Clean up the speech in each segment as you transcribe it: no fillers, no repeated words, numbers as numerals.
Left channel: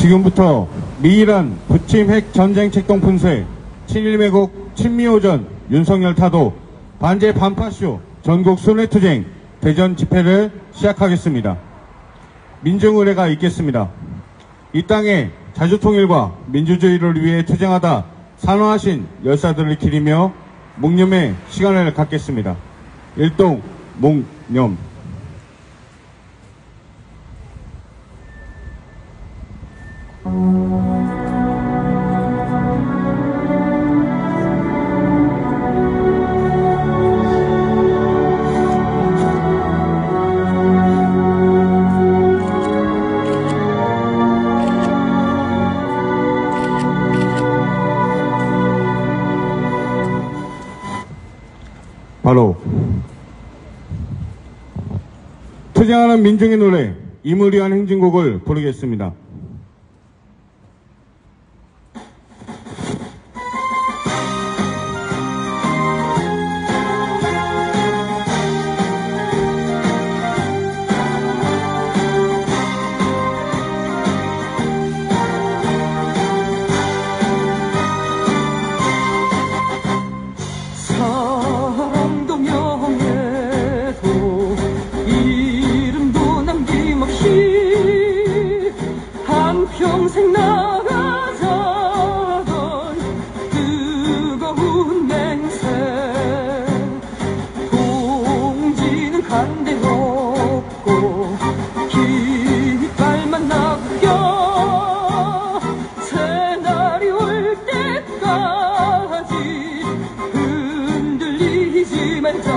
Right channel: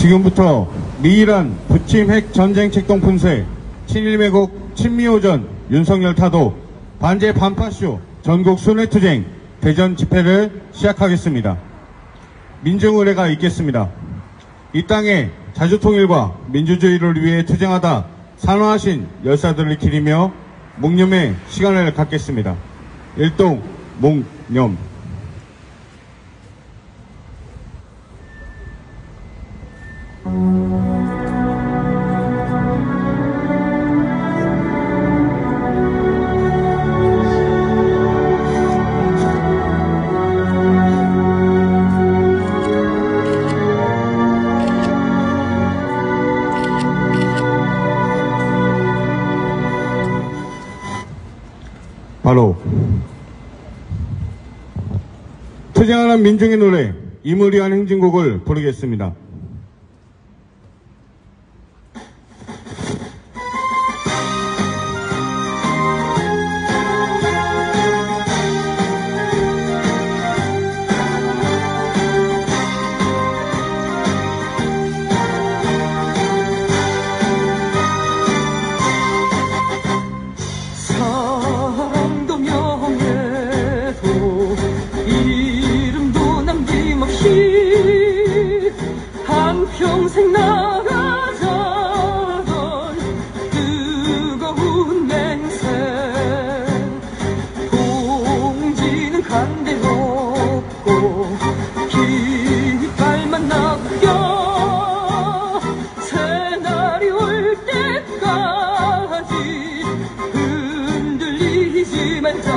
지금부터 미일한 부침 핵 전쟁 책동 품새, 친일 왜곡, 친미오전, 윤석열 타도, 반제 반파쇼, 전국 순회투쟁, 대전 집회를 시작하겠습니다. 민중의례가 있겠습니다. 이 땅에 자주통일과 민주주의를 위해 투쟁하다 산화하신 열사들을 기리며 묵념의 시간을 갖겠습니다. 일동 묵념. 바로 투쟁하는 민중의 노래 이무리한 행진곡을 부르겠습니다. 평생 나가자던 뜨거운 맹세 공지는 간대 없고 깃발만 남겨 새날이 올 때까지 흔들리지 말자.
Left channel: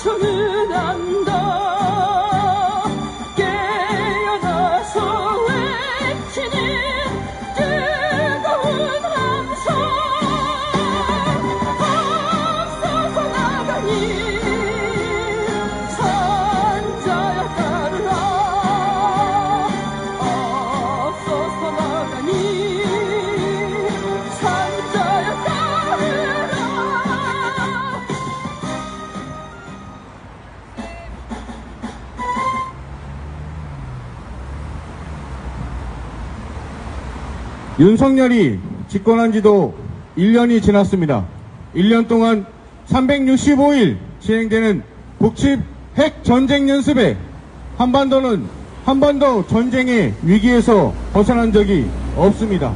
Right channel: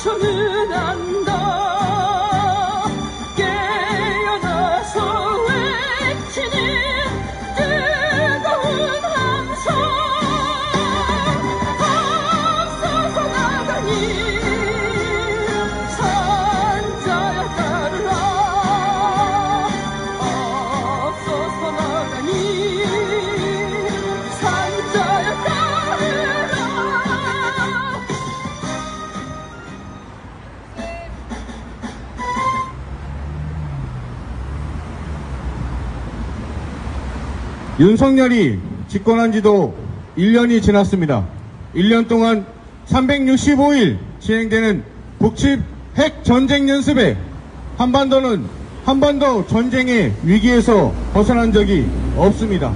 손은 안다 깨어나서 외치니 뜨거운 함성 앞서서 나가니 산자야 따르라 앞서서 나가니 산자야 따르라. 윤석열이 집권한 지도 1년이 지났습니다. 1년 동안 365일 진행되는 북측 핵 전쟁 연습에 한반도 전쟁의 위기에서 벗어난 적이 없습니다.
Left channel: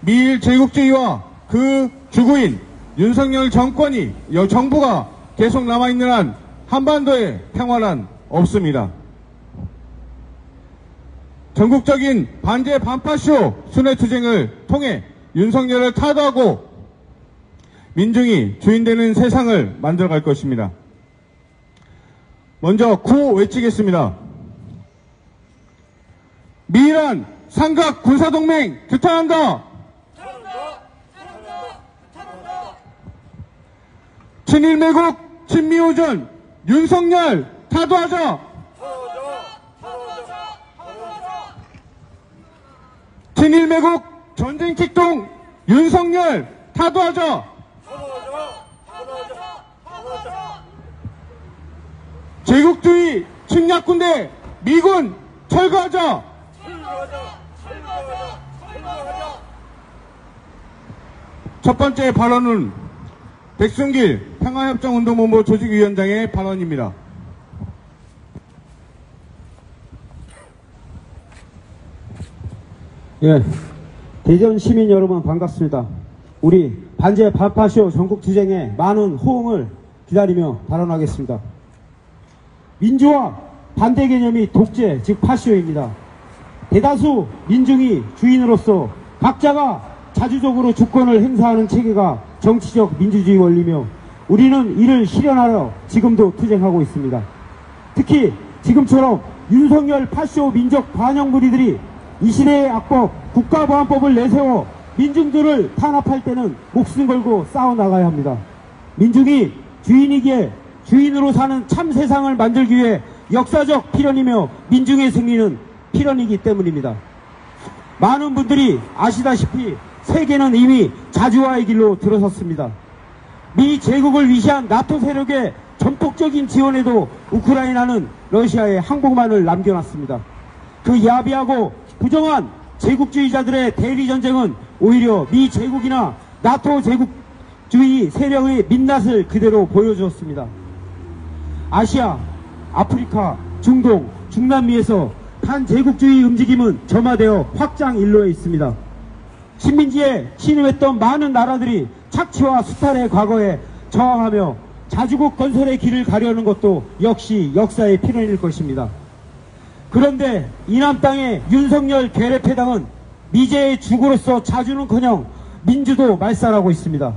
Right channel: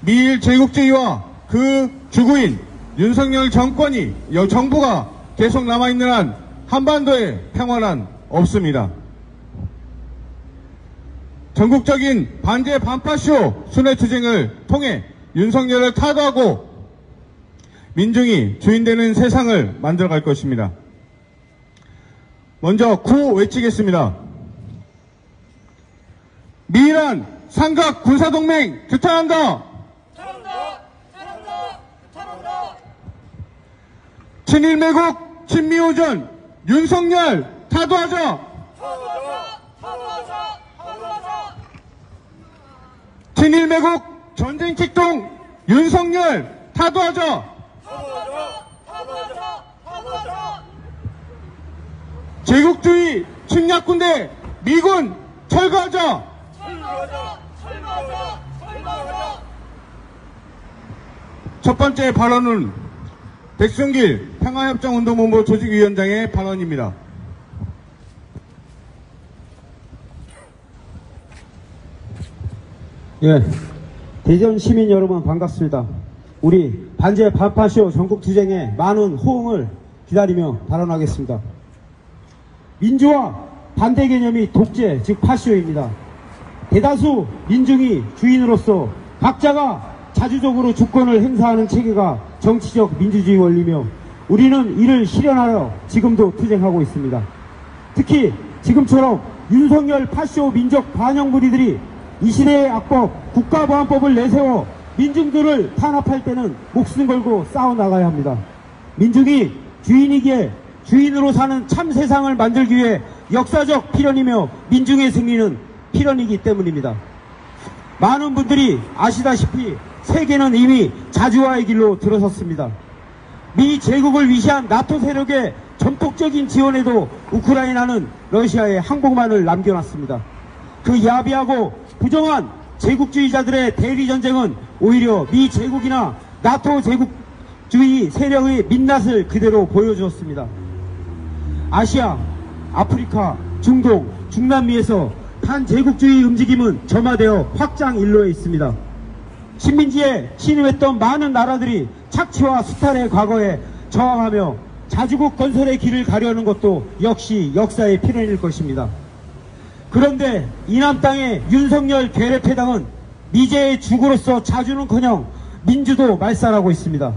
미일 제국주의와 그 주구인 윤석열 정부가 계속 남아있는 한 한반도에 평화란 없습니다. 전국적인 반제 반파쇼 순회투쟁을 통해 윤석열을 타도하고 민중이 주인되는 세상을 만들어갈 것입니다. 먼저 구호 외치겠습니다. 미일한 삼각 군사동맹 규탄한다. 친일 매국 친미오전 윤석열 타도하자. 친일 매국 전쟁 책동 윤석열 타도하자. 제국주의 침략군대 미군 철거하자. 첫 번째 발언은 백승길 평화협정운동본부 조직위원장의 발언입니다. 예, 대전 시민 여러분 반갑습니다. 우리 반제 반파쇼 전국투쟁에 많은 호응을 기다리며 발언하겠습니다. 민주화 반대 개념이 독재 즉 파쇼입니다. 대다수 민중이 주인으로서 각자가 자주적으로 주권을 행사하는 체계가 정치적 민주주의 원리며 우리는 이를 실현하여 지금도 투쟁하고 있습니다. 특히 지금처럼 윤석열 파쇼 민족 반영 무리들이 이 시대의 악법 국가보안법을 내세워 민중들을 탄압할 때는 목숨 걸고 싸워나가야 합니다. 민중이 주인이기에 주인으로 사는 참 세상을 만들기 위해 역사적 필연이며 민중의 승리는 필연이기 때문입니다. 많은 분들이 아시다시피 세계는 이미 자주화의 길로 들어섰습니다. 미 제국을 위시한 나토 세력의 전폭적인 지원에도 우크라이나는 러시아에 항복만을 남겨놨습니다. 그 야비하고 부정한 제국주의자들의 대리전쟁은 오히려 미 제국이나 나토 제국주의 세력의 민낯을 그대로 보여주었습니다. 아시아, 아프리카, 중동, 중남미에서 반제국주의 움직임은 점화되어 확장 일로에 있습니다. 식민지에 침입했던 많은 나라들이 착취와 수탈의 과거에 저항하며 자주국 건설의 길을 가려는 것도 역시 역사의 필연일 것입니다. 그런데 이남 땅의 윤석열 괴뢰패당은 미제의 주구로서 자주는커녕 민주도 말살하고 있습니다.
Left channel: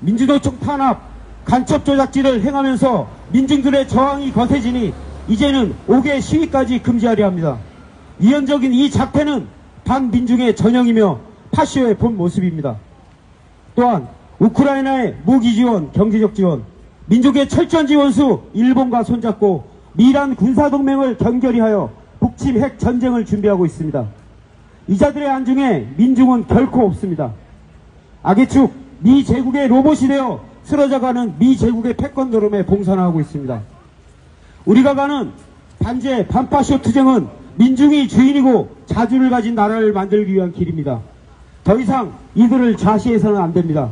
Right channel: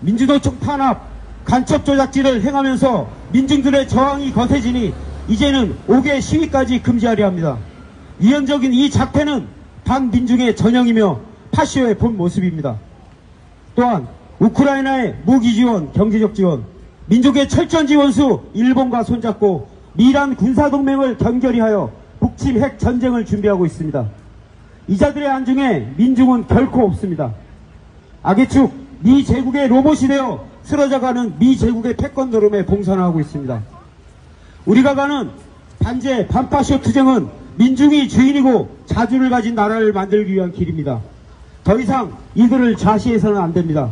민주도청 탄압, 간첩 조작질을 행하면서 민중들의 저항이 거세지니 이제는 5개 시위까지 금지하려 합니다. 위헌적인 이 작태는 반민중의 전형이며 파쇼의 본 모습입니다. 또한 우크라이나의 무기 지원, 경제적 지원, 민족의 철저한 지원수 일본과 손잡고 미란 군사동맹을 단결히하여 북침 핵 전쟁을 준비하고 있습니다. 이자들의 안중에 민중은 결코 없습니다. 악의 축, 미 제국의 로봇이 되어 쓰러져가는 미 제국의 패권 노름에 봉선하고 있습니다. 우리가 가는 반제 반파쇼 투쟁은 민중이 주인이고 자주를 가진 나라를 만들기 위한 길입니다. 더 이상 이들을 좌시해서는 안 됩니다.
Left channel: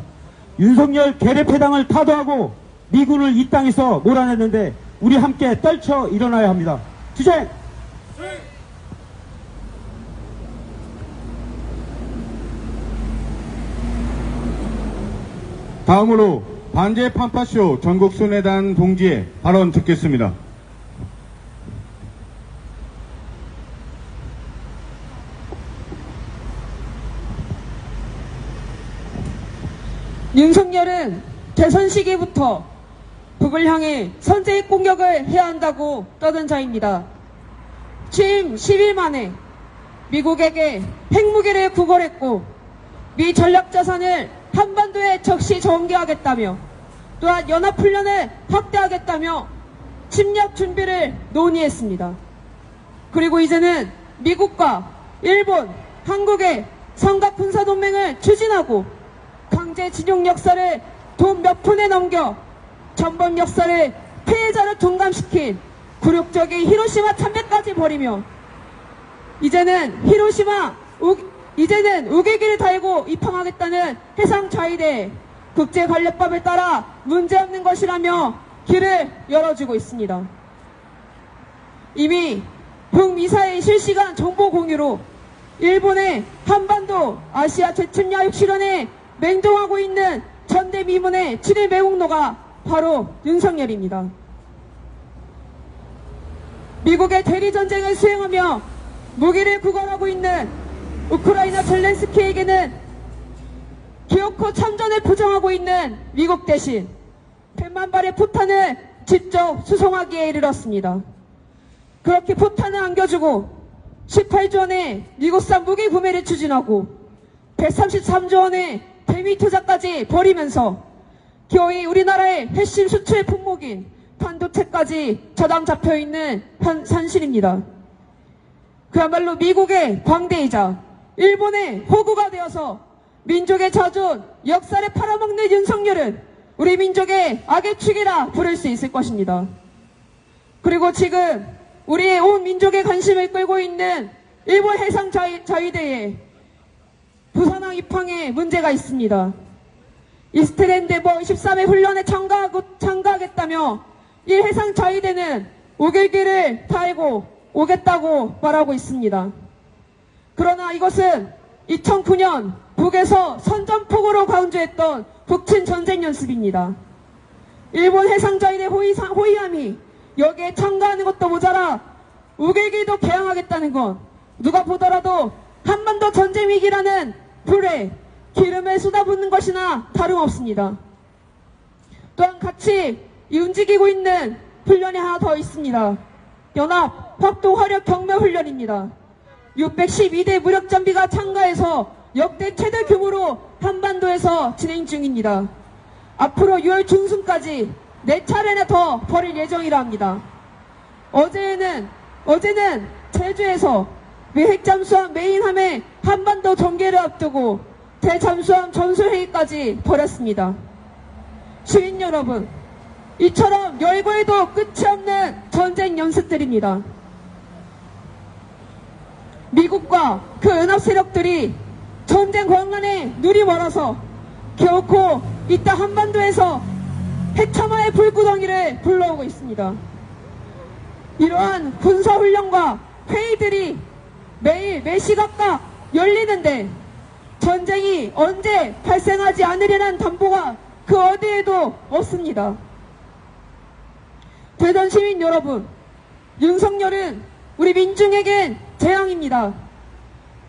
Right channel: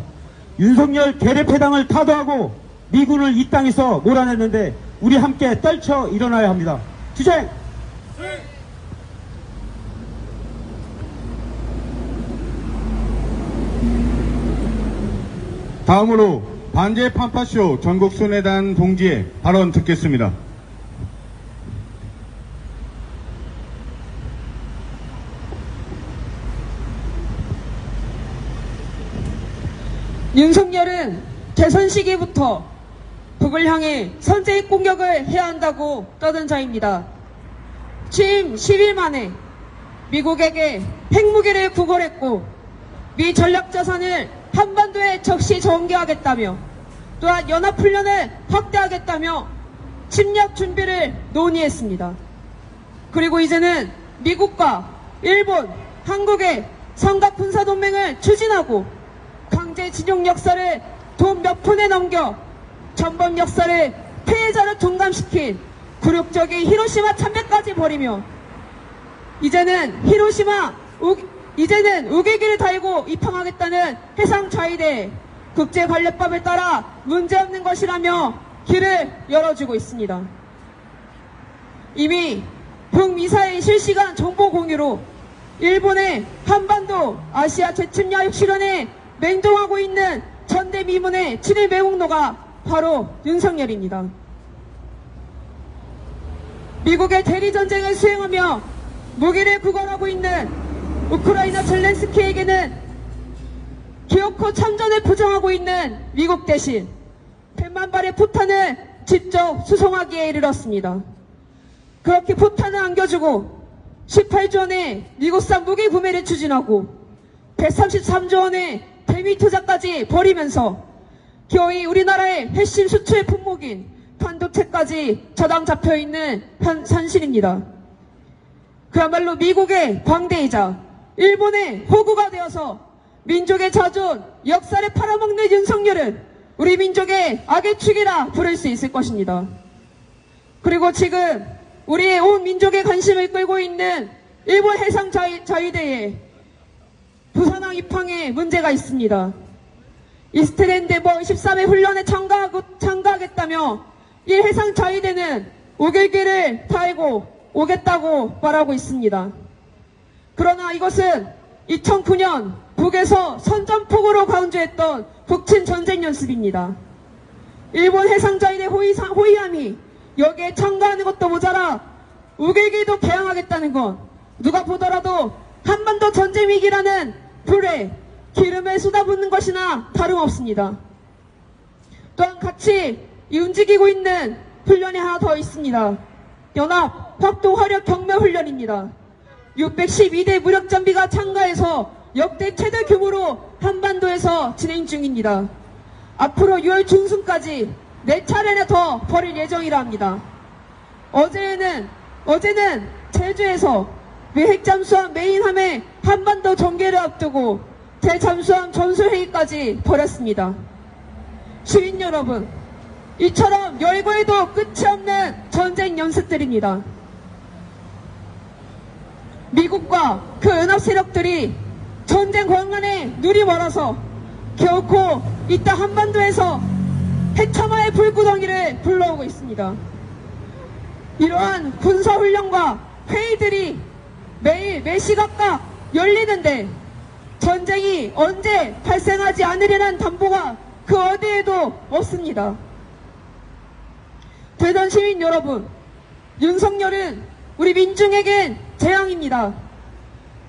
윤석열 괴뢰패당을 타도하고 미군을 이 땅에서 몰아냈는데 우리 함께 떨쳐 일어나야 합니다. 투쟁! 다음으로 반제 판파쇼 전국순회단 동지의 발언 듣겠습니다. 윤석열은 대선 시기부터 북을 향해 선제의 공격을 해야 한다고 떠든 자입니다. 취임 10일 만에 미국에게 핵무기를 구걸했고 미 전략자산을 한반도에 적시 전개하겠다며 또한 연합훈련을 확대하겠다며 침략 준비를 논의했습니다. 그리고 이제는 미국과 일본, 한국의 삼각군사동맹을 추진하고 강제징용 역사를 돈 몇 푼에 넘겨 전범 역사를 피해자를 둔감시킨 굴욕적인 히로시마 참배까지 벌이며 이제는 우길기를 달고 입항하겠다는 해상자위대 국제관례법을 따라 문제없는 것이라며 길을 열어주고 있습니다. 이미 북미사일 실시간 정보 공유로 일본의 한반도 아시아 재침략 실현에 맹동하고 있는 전대미문의 친일 매국노가 바로 윤석열입니다. 미국의 대리전쟁을 수행하며 무기를 구걸하고 있는 우크라이나 젤렌스키에게는 기어코 참전을 부정하고 있는 미국 대신 100만 발의 포탄을 직접 수송하기에 이르렀습니다. 그렇게 포탄을 안겨주고 18조 원의 미국산 무기 구매를 추진하고 133조 원의 대미 투자까지 벌이면서 겨우 우리나라의 핵심 수출 품목인 반도체까지 저당 잡혀있는 현실입니다. 그야말로 미국의 광대이자 일본의 호구가 되어서 민족의 자존, 역사를 팔아먹는 윤석열은 우리 민족의 악의 축이라 부를 수 있을 것입니다. 그리고 지금 우리의 온 민족의 관심을 끌고 있는 일본 해상자위대에 부산항 입항에 문제가 있습니다. 이스트랜드버 13회 훈련에 참가하겠다며 이 해상자위대는 우길기를 달고 오겠다고 말하고 있습니다. 그러나 이것은 2009년 북에서 선전포고로 강조했던 북친 전쟁 연습입니다. 일본 해상자위대 호위함이 여기에 참가하는 것도 모자라 우길기도 개항하겠다는 것, 누가 보더라도 한반도 전쟁 위기라는 불에 기름을 쏟아붓는 것이나 다름없습니다. 또한 같이 움직이고 있는 훈련이 하나 더 있습니다. 연합 확도 화력 격려 훈련입니다. 612대 무력 장비가 참가해서 역대 최대 규모로 한반도에서 진행 중입니다. 앞으로 6월 중순까지 4차례나 더 벌일 예정이라 합니다. 어제는 제주에서 미 핵잠수함 메인함의 한반도 전개를 앞두고 대잠수함 전술회의까지 벌였습니다. 시민 여러분, 이처럼 열고 해도 끝이 없는 전쟁 연습들입니다. 미국과 그 연합 세력들이 전쟁 광란에 눈이 멀어서 결코 이따 한반도에서 해참화의 불구덩이를 불러오고 있습니다. 이러한 군사훈련과 회의들이 매일 매시각각 열리는데 전쟁이 언제 발생하지 않으려는 담보가 그 어디에도 없습니다. 대전 시민 여러분, 윤석열은 우리 민중에겐 재앙입니다.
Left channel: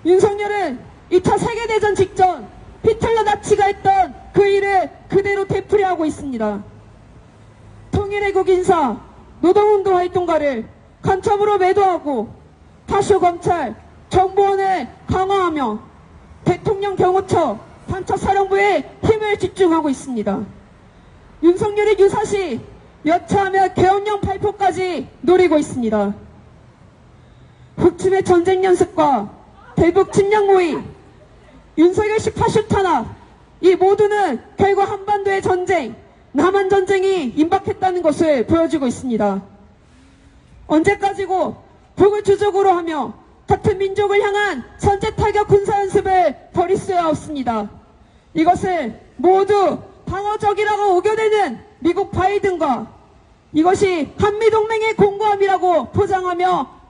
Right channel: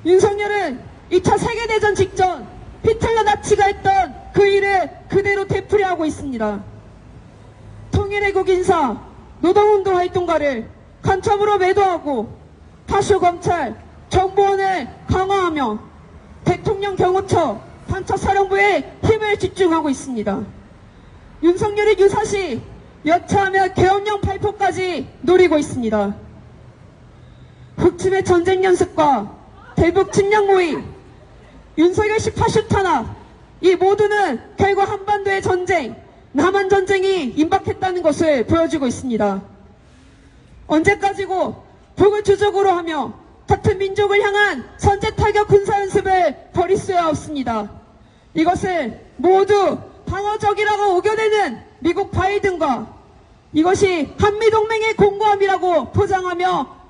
윤석열은 2차 세계대전 직전 히틀러 나치가 했던 그 일을 그대로 되풀이하고 있습니다. 통일애국 인사, 노동운동 활동가를 간첩으로 매도하고 파쇼 검찰, 정보원을 강화하며 대통령 경호처, 단처사령부에 힘을 집중하고 있습니다. 윤석열이 유사시 여차하며 계엄령 발표까지 노리고 있습니다. 북침의 전쟁 연습과 대북 침략 모의, 윤석열식 파쇼 탄압, 이 모두는 결국 한반도의 전쟁, 남한 전쟁이 임박했다는 것을 보여주고 있습니다. 언제까지고 북을 주적으로 하며 같은 민족을 향한 선제 타격 군사 연습을 벌일 수야 없습니다. 이것을 모두 방어적이라고 우겨대는 미국 바이든과 이것이 한미동맹의 공고함이라고 포장하며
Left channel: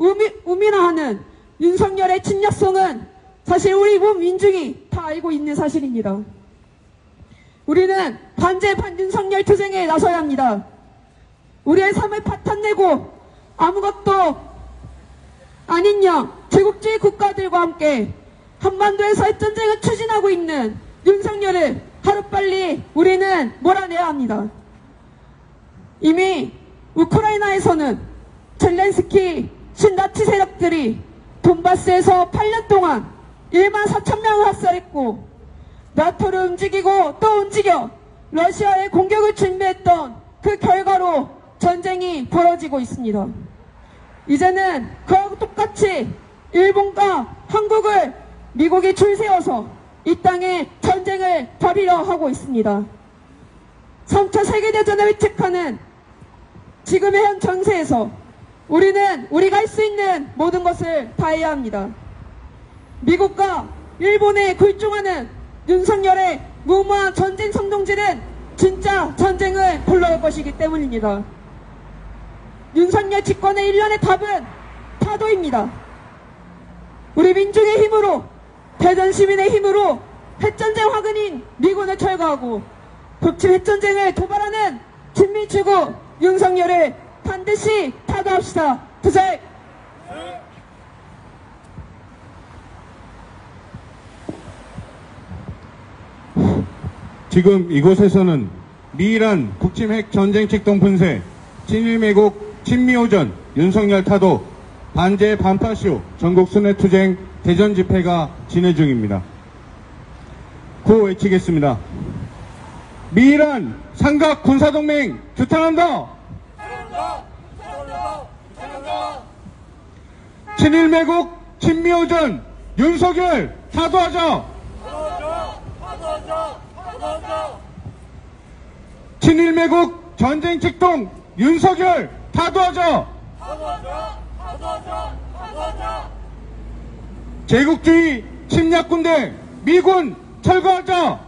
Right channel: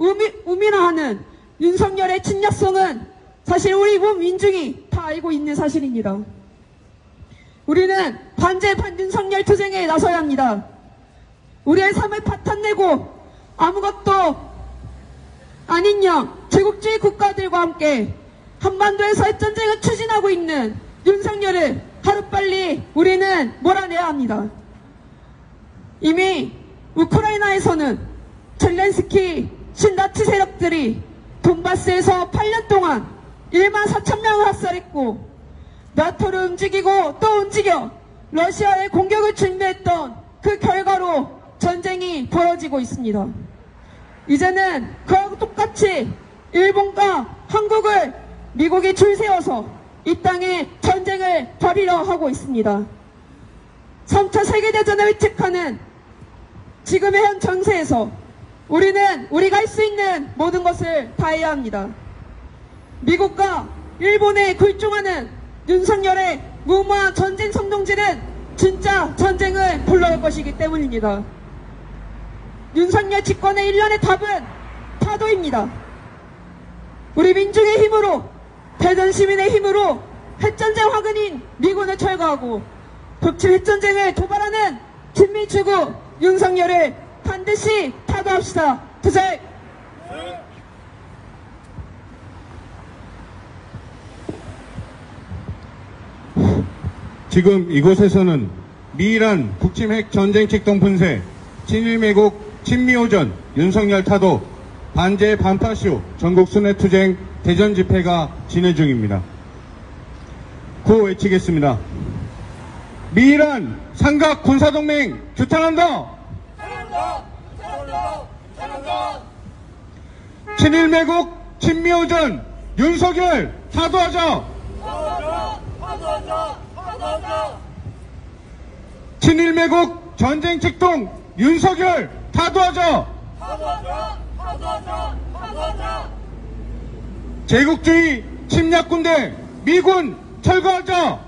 우민화하는 윤석열의 침략성은 사실 우리 온 민중이 다 알고 있는 사실입니다. 우리는 반제 반윤석열 투쟁에 나서야 합니다. 우리의 삶을 파탄내고 아무것도 아닌 영 제국주의 국가들과 함께 한반도에서 핵전쟁을 추진하고 있는 윤석열을 하루빨리 우리는 몰아내야 합니다. 이미 우크라이나에서는 젤렌스키 신나치 세력들이 돈바스에서 8년 동안 1만 4천 명을 학살했고 나토를 움직이고 또 움직여 러시아의 공격을 준비했던 그 결과로 전쟁이 벌어지고 있습니다. 이제는 그와 똑같이 일본과 한국을 미국이 줄 세워서 이 땅에 전쟁을 벌이려 하고 있습니다. 3차 세계대전을 의식하는 지금의 현 정세에서 우리는 우리가 할 수 있는 모든 것을 다해야 합니다. 미국과 일본에 굴종하는 윤석열의 무모한 전쟁 선동질은 진짜 전쟁을 불러올 것이기 때문입니다. 윤석열 집권의 일련의 답은 타도입니다. 우리 민중의 힘으로, 대전 시민의 힘으로 핵전쟁 화근인 미군을 철거하고 북침 핵전쟁을 도발하는 진밀추구 윤석열을 반드시 타도합시다. 투쟁! 지금 이곳에서는 미이란 북침핵 전쟁 직동 분쇄, 친일매국 친미오전, 윤석열 타도, 반제 반파쇼 전국 순회투쟁 대전 집회가 진행 중입니다. 구호 외치겠습니다. 미이란 삼각 군사동맹 규탄한다! 친일매국 친미오전 윤석열 타도하자! 친일매국 전쟁 직동 윤석열 타도하자! 제국주의 침략군대 미군 철거하자!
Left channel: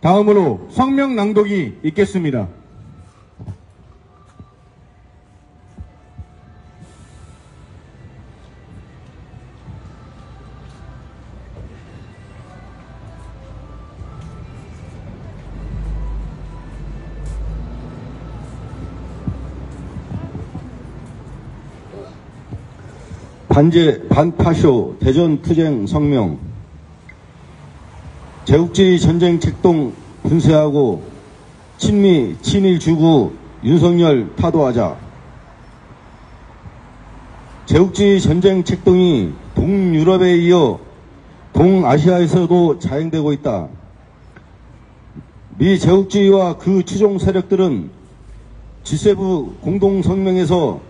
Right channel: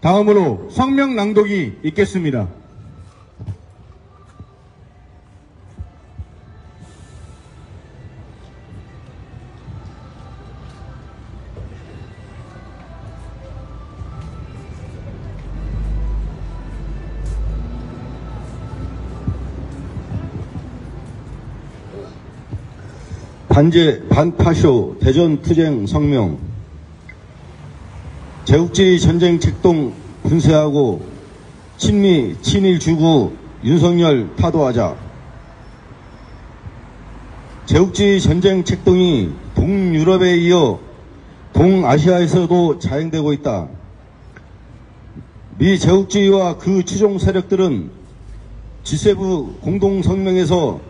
다음으로 성명 낭독이 있겠습니다. 반제 반파쇼 대전투쟁 성명. 제국주의 전쟁 책동 분쇄하고 친미 친일 주구 윤석열 타도하자. 제국주의 전쟁 책동이 동유럽에 이어 동아시아에서도 자행되고 있다. 미 제국주의와 그 추종 세력들은 G7 공동성명에서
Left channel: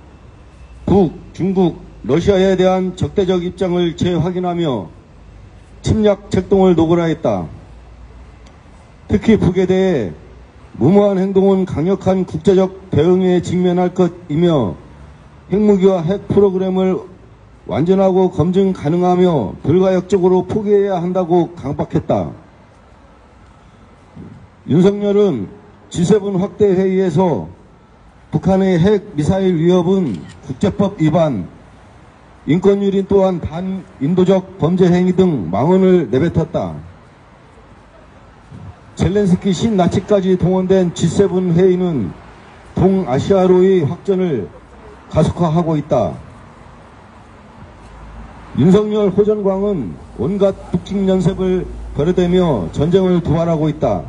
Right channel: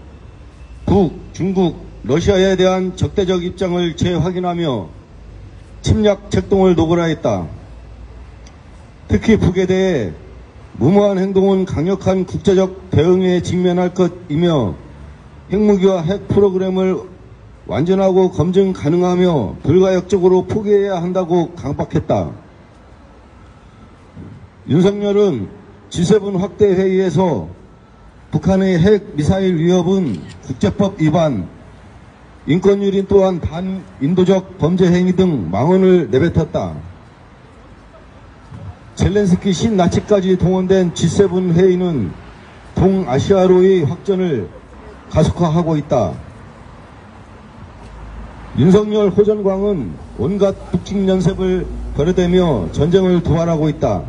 북, 중국, 러시아에 대한 적대적 입장을 재확인하며 침략 책동을 노고라 했다. 특히 북에 대해 무모한 행동은 강력한 국제적 대응에 직면할 것이며 핵무기와 핵 프로그램을 완전하고 검증 가능하며 불가역적으로 포기해야 한다고 강박했다. 윤석열은 G7 확대 회의에서 북한의 핵 미사일 위협은 국제법 위반, 인권유린 또한 반인도적 범죄 행위 등 망언을 내뱉었다. 젤렌스키 신나치까지 동원된 G7 회의는 동아시아로의 확전을 가속화하고 있다. 윤석열 호전광은 온갖 북핵 연습을 벌여대며 전쟁을 도발하고 있다.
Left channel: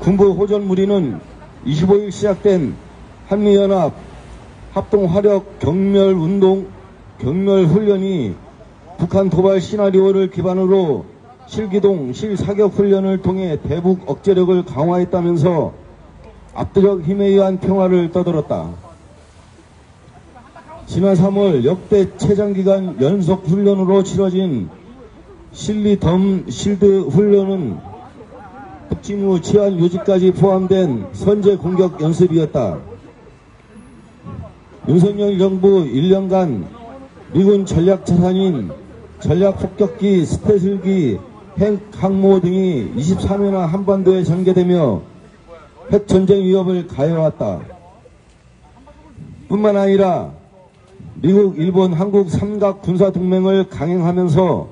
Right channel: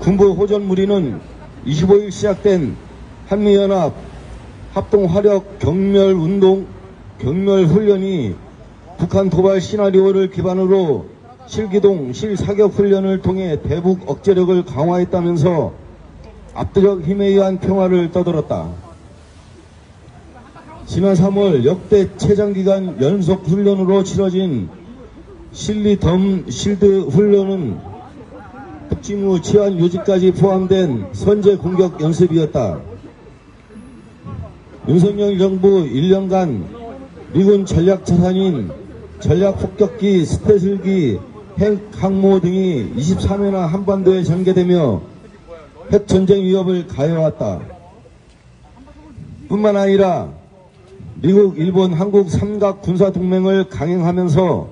군부 호전 무리는 25일 시작된 한미연합 합동화력 경멸훈련이 북한 도발 시나리오를 기반으로 실기동 실사격 훈련을 통해 대북 억제력을 강화했다면서 압도적 힘에 의한 평화를 떠들었다. 지난 3월 역대 최장기간 연속 훈련으로 치러진 실리 실드 훈련은 북침 후 치안 유지까지 포함된 선제 공격 연습이었다. 윤석열 정부 1년간 미군 전략 자산인 전략 폭격기, 스페셜기, 핵 항모 등이 23회나 한반도에 전개되며 핵 전쟁 위협을 가해왔다. 뿐만 아니라 미국, 일본, 한국 삼각 군사 동맹을 강행하면서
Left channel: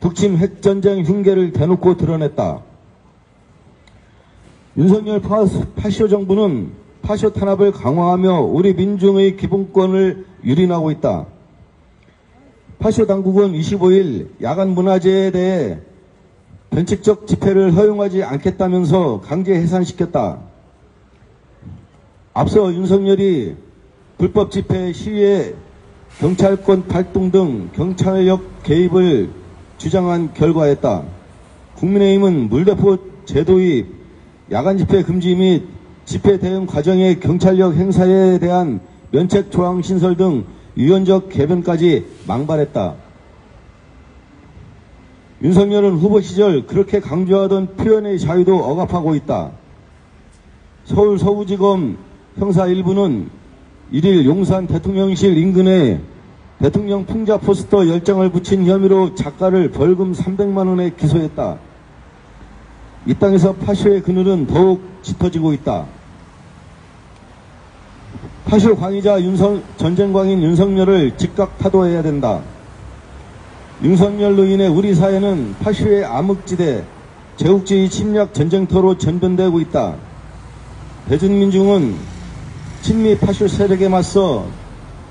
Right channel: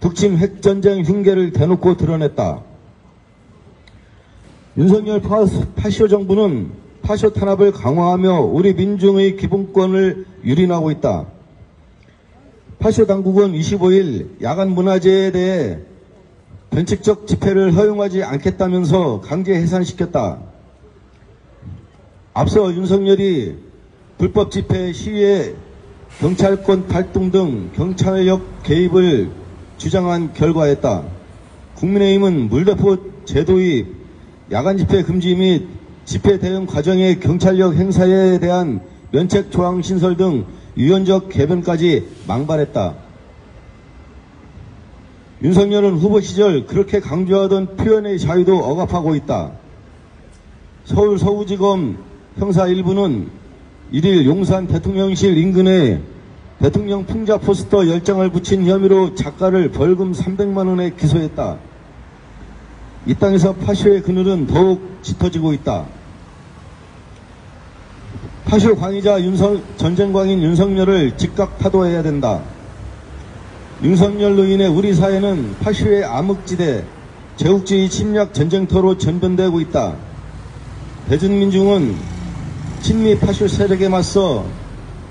북침 핵 전쟁 흉계를 대놓고 드러냈다. 윤석열 파쇼 정부는 파쇼 탄압을 강화하며 우리 민중의 기본권을 유린하고 있다. 파쇼 당국은 25일 야간 문화재에 대해 변칙적 집회를 허용하지 않겠다면서 강제 해산시켰다. 앞서 윤석열이 불법 집회 시위에 경찰권 발동 등 경찰력 개입을 주장한 결과였다. 국민의힘은 물대포 제도의 야간 집회 금지 및 집회 대응 과정의 경찰력 행사에 대한 면책 조항 신설 등 유연적 개변까지 망발했다. 윤석열은 후보 시절 그렇게 강조하던 표현의 자유도 억압하고 있다. 서울 서구지검 형사 1부는 1일 용산 대통령실 인근에 대통령 풍자 포스터 10장을 붙인 혐의로 작가를 벌금 300만 원에 기소했다. 이 땅에서 파쇼의 그늘은 더욱 짙어지고 있다. 파쇼 광의자 전쟁광인 윤석열을 즉각 파도해야 된다. 윤석열로 인해 우리 사회는 파쇼의 암흑지대, 제국주의 침략 전쟁터로 전변되고 있다. 대중민중은 친미 파쇼 세력에 맞서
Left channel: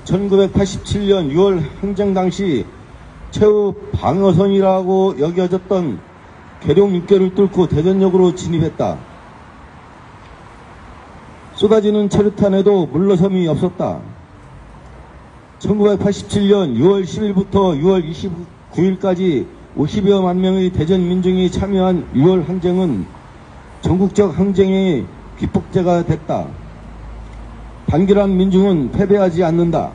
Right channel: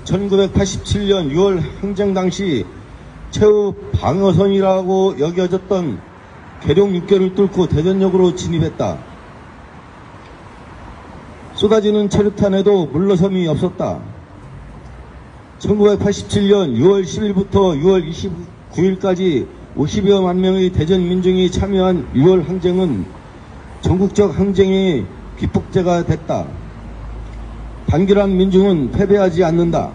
1987년 6월 행정 당시 최후 방어선이라고 여겨졌던 계룡 6개를 뚫고 대전역으로 진입했다. 쏟아지는 체류탄에도 물러섬이 없었다. 1987년 6월 10일부터 6월 29일까지 50여만 명의 대전 민중이 참여한 6월 항쟁은 전국적 항쟁의 기폭제가 됐다. 단결한 민중은 패배하지 않는다.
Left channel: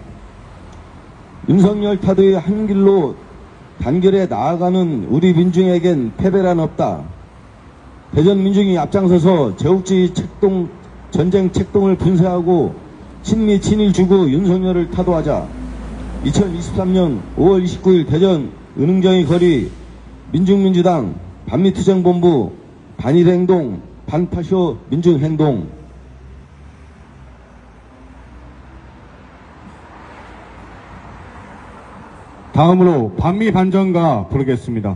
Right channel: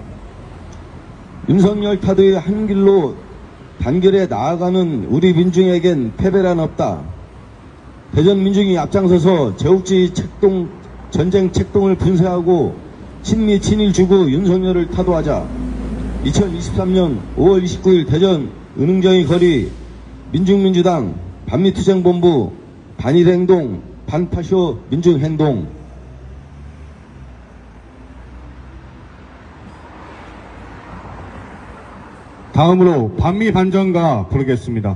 윤석열 타도의 한 길로 단결에 나아가는 우리 민중에겐 패배란 없다. 대전 민중이 앞장서서 제국주의 전쟁 책동을 분쇄하고 친미 친일 주구 윤석열을 타도하자. 2023년 5월 29일 대전 은흥정의 거리 민중민주당 반미투쟁본부 반일행동 반파쇼 민중행동. 다음으로 반미 반전가 부르겠습니다.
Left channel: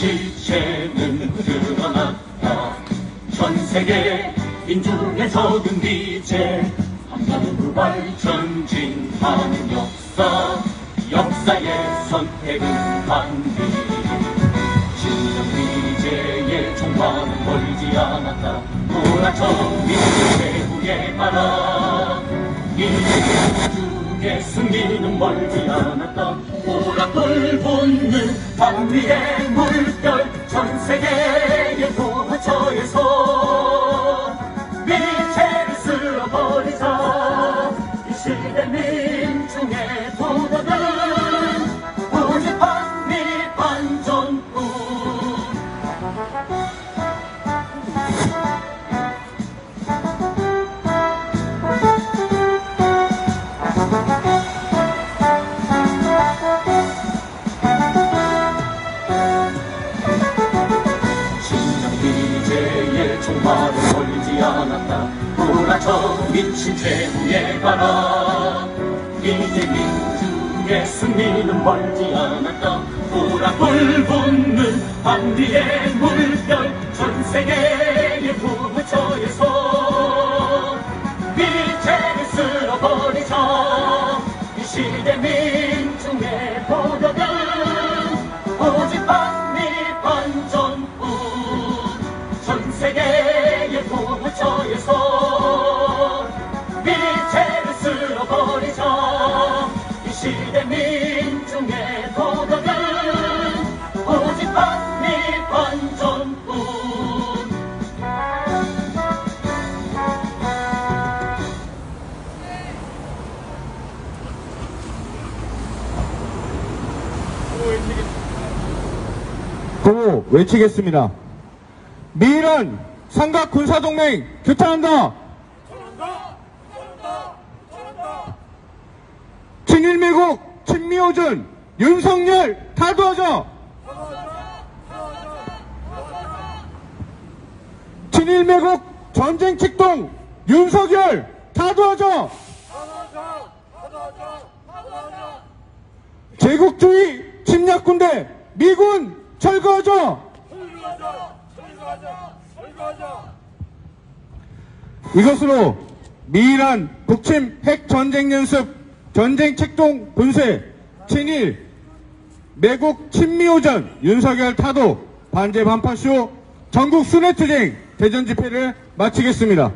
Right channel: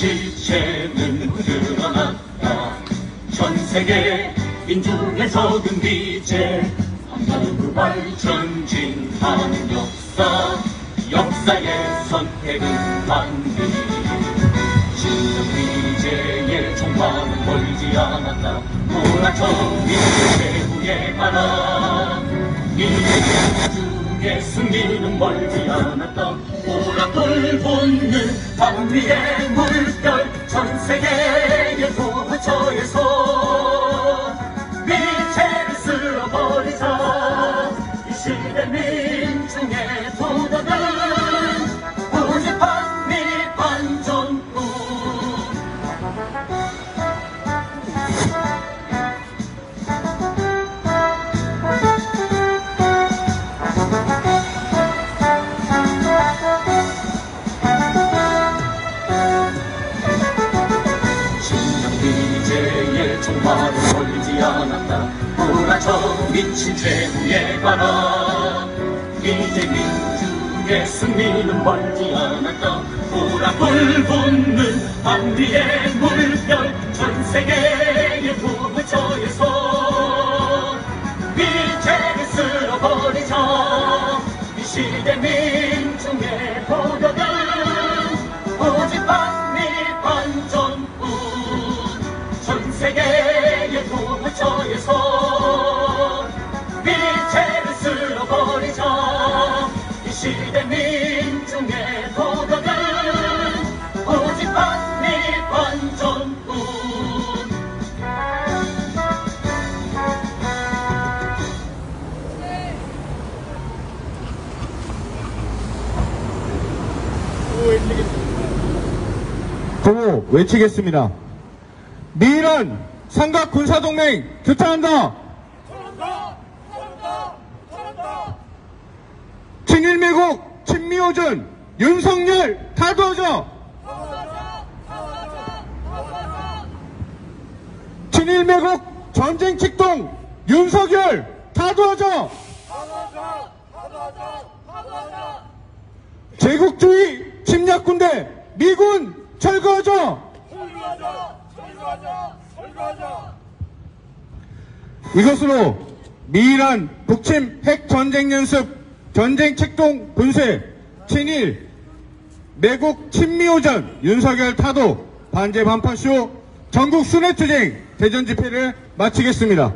실체는 드러났다. 전세계 민중에서 금비제 한반도 발전진하는 역사의 선택은 반드시 진위제의 종말은 멀지 않았다. 문화적 미래의 민주에 가라. 민주의 승리는 멀지 않았다. 오락불 붙는 밤위의 물결, 전 세계의 부처에서 위체를 쓸어버리자. 이 시대 민중의 도덕은 오직 반미 반정부. 이제의 종말은 멀지 않았다. 돌아쳐 미친 최후에 가라. 이제 민주의 승리는 멀지 않았다. 오락불 붙는 반디의 물결, 전 세계의 부처에서 위체를 쓸어버리자. 이 시대 민중의 도덕은 오직 반미 반정부. 전 세계의 부처에서 위체를 쓸어버리자. 이 시대 민중의 도덕은 오직 반미 반정부. 구호 외치겠습니다. 미란 삼각 군사동맹 규탄한다. 친일매국 친미오전 윤석열 타도하자. 친일매국 전쟁 책동 윤석열 타도하자. 제국주의 침략군대 미군 철거하자. 이것으로 미란 북침 핵전쟁연습 전쟁 책동 분쇄 친일 매국 친미오전 윤석열 타도 반제 반파쇼 전국 스네트쟁 대전 집회를 마치겠습니다.